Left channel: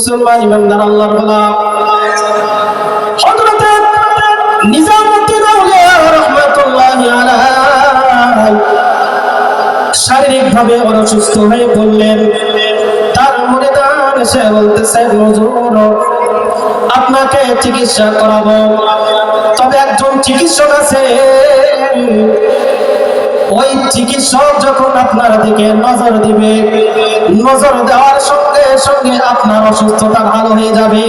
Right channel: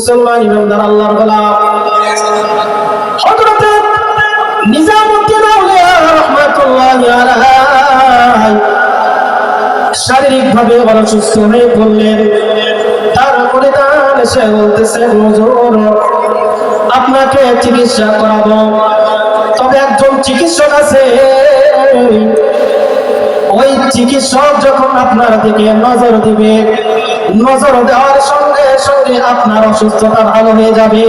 মুসলমান ইমানদার আল্লাহর গোলাম হযরত নিজামুদ্দিন আউলিয়া রাহমাতুল্লাহি আলাইহি শারীরিকভাবে অসুস্থ হয়ে পড়লেন। তার মুরিদান এসে বলতেছে, হুজুর আপনাকে চিকিৎসা করাবো, তবে একজন চিকিৎসক আছে, ওই চিকিৎসক যখন আপনার দিকে নজর দিবে, নজর দেওয়ার সঙ্গে সঙ্গে আপনার অসুস্থতা ভালো হয়ে যাবে।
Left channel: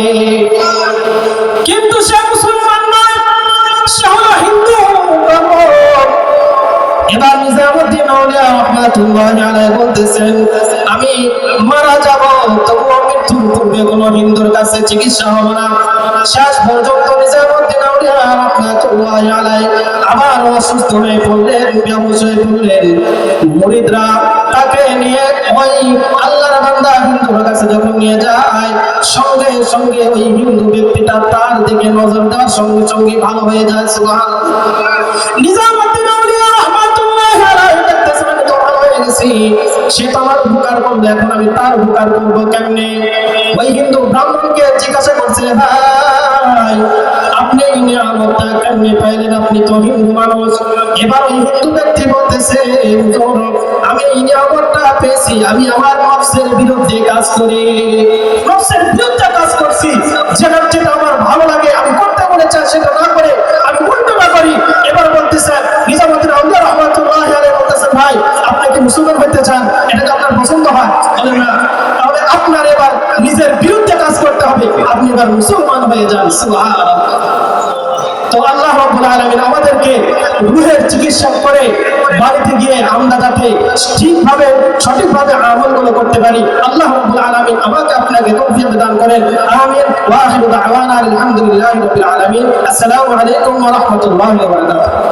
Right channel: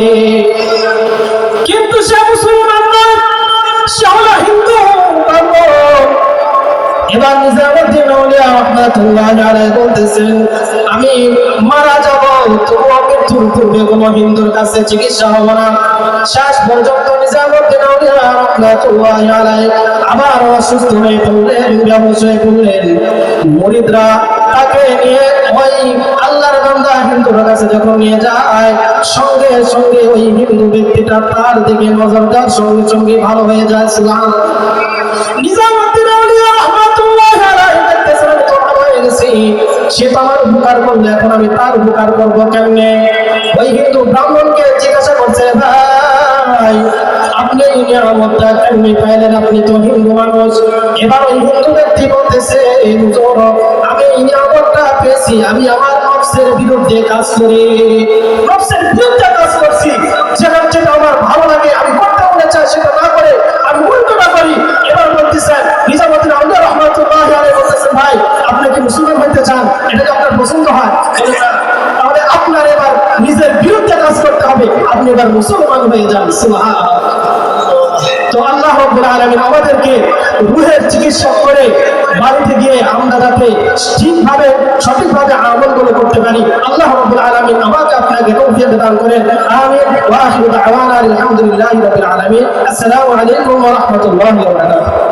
কিন্তু সে মুসলমান নয়, সে হলো হিন্দু। এবার নিজামুদ্দিন আউলিয়া রাহমাতুল্লাহি আলাইহি বলতেছেন, আমি মারা যাব, তবুও মৃত্যুর পূর্বে কোনো হিন্দুর কাছে চিকিৎসা হবে না। শেষ পর্যন্ত নিজামুদ্দিন আউলিয়া রাহমাতুল্লাহি আলাইহি আবার অসুস্থ হয়ে পড়লেন, বেহুঁশ হয়ে পড়লেন। মুরিদরা তাকে নিয়ে ওই আল্লাহর বান্দা হিন্দুর কাছে যখন নিয়ে যায়, সঙ্গে সঙ্গে ওই হিন্দু ব্যক্তিটা তার দিকে নজর দেওয়ার সঙ্গে সঙ্গে ভালো হয়ে যায়। সুবহানাল্লাহ। নিজামুদ্দিন আউলিয়া রাহমাতুল্লাহি আলাইহি দেখতেছেন, আমি তো ভালো হয়ে গেছি, সে তো আমার উপকার করবে, এখন আমি তার উপকার করবো কেমনে? ওই হিন্দু ব্রাহ্মণকে জিজ্ঞাসা করছে, ভাই আপনি এই নিয়ামতটা কেমনে পাইলেন? আপনি তো হিন্দু মানুষ। এবার ওই হিন্দু ব্যক্তি বলতেছে, হুজুর আমি এই নিয়ামতটা পেয়েছি, আমি আমার নফসের বিরুদ্ধে কাজ করি, নফসের বিরুদ্ধে কাজ করছি, যেটা আমার ভালো লাগে আমি করতে মনে চাই সেটা না করে আমি উল্টো না করি। এবার বলতেছে নিজামুদ্দিন আউলিয়া রাহমাতুল্লাহি আলাইহি বলতেছেন, ভাই আপনি কি মুসলমান হইতে চান? এটা কি আপনার পছন্দ হয়? বলে না, তাহলে আপনার এবার নিজের বিরুদ্ধে কাজ করতে হবে, আপনি এবার মুসলমান হয়ে যান। সুবহানাল্লাহ। তো আল্লাহ রাব্বুল আলামিন আমাদেরকে রূহের চিকিৎসক করে বাড়িতে গিয়ে আমরা যাতে ঠিকভাবে সঠিকভাবে আমলগুলো করতে পারি, আল্লাহ রাব্বুল আলামিন আমাকে আপনাকে তৌফিক দান করেন। আমিন। ওয়া আখিরু দাওয়ানা আলহামদুলিল্লাহি রাব্বিল আলামিন। আসসালামু আলাইকুম ওয়া রাহমাতুল্লাহি ওয়া বারাকাতুহু।